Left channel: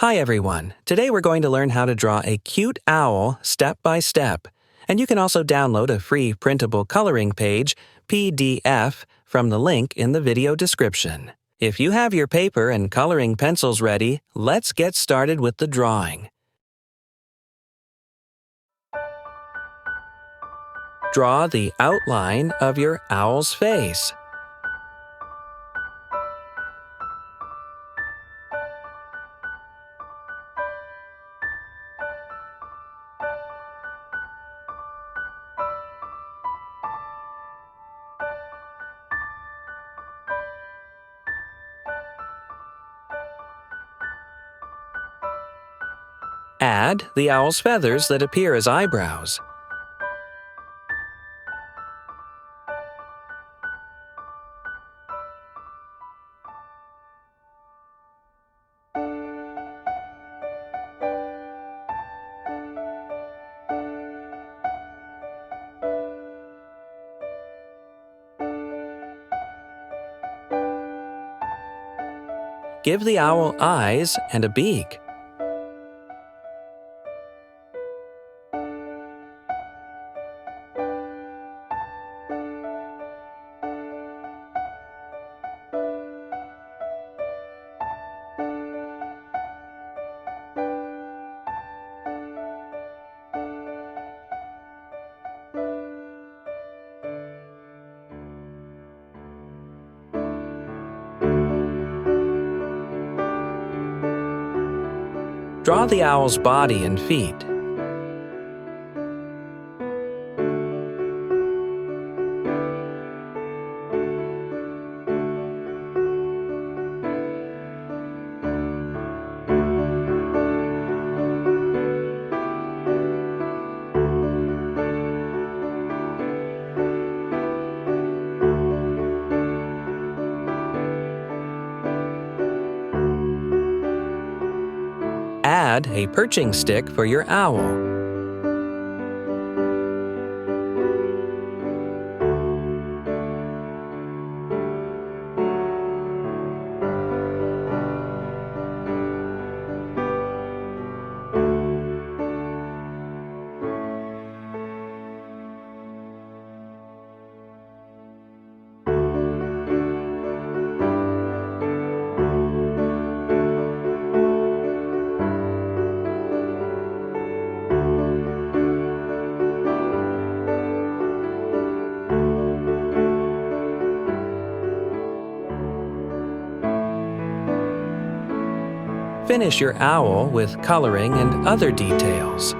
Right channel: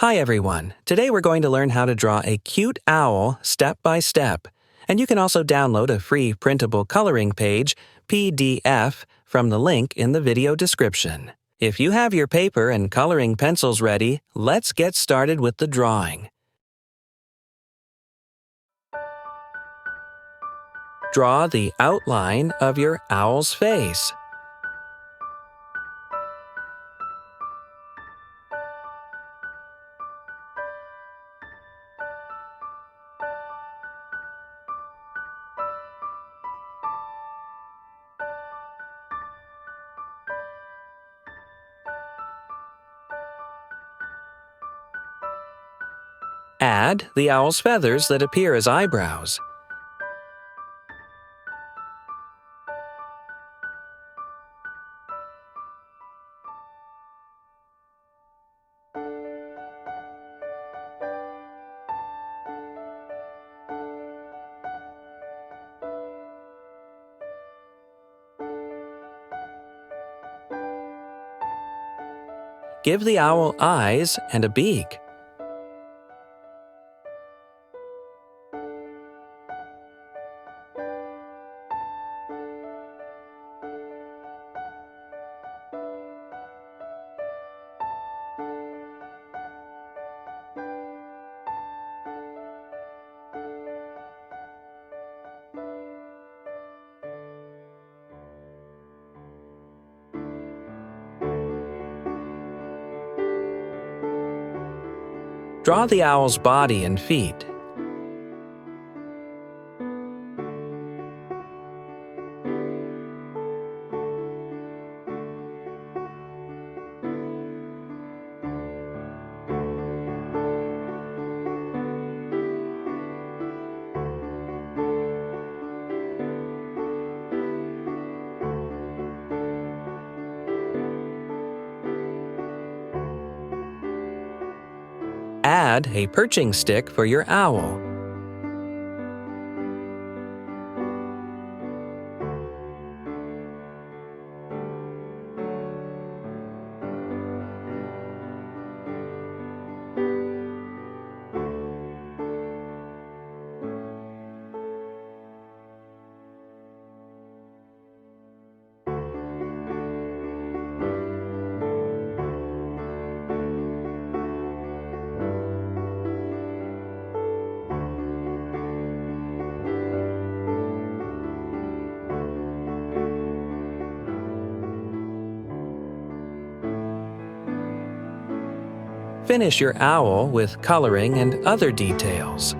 Hi everyone, today we're going to learn how to draw a cute owl step by step. And you can also download a free printable coloring page, PDF, from the link in the video description. If you have your paper and coloring pencils ready, let's get started with the drawing. Draw the outline of your owl's face. Add the owl's feathers that appear as eyebrows. Give the owl eyes and a beak. Draw the owl's body and feet. Add a perching stick for your owl. Finish your owl with coloring and other details.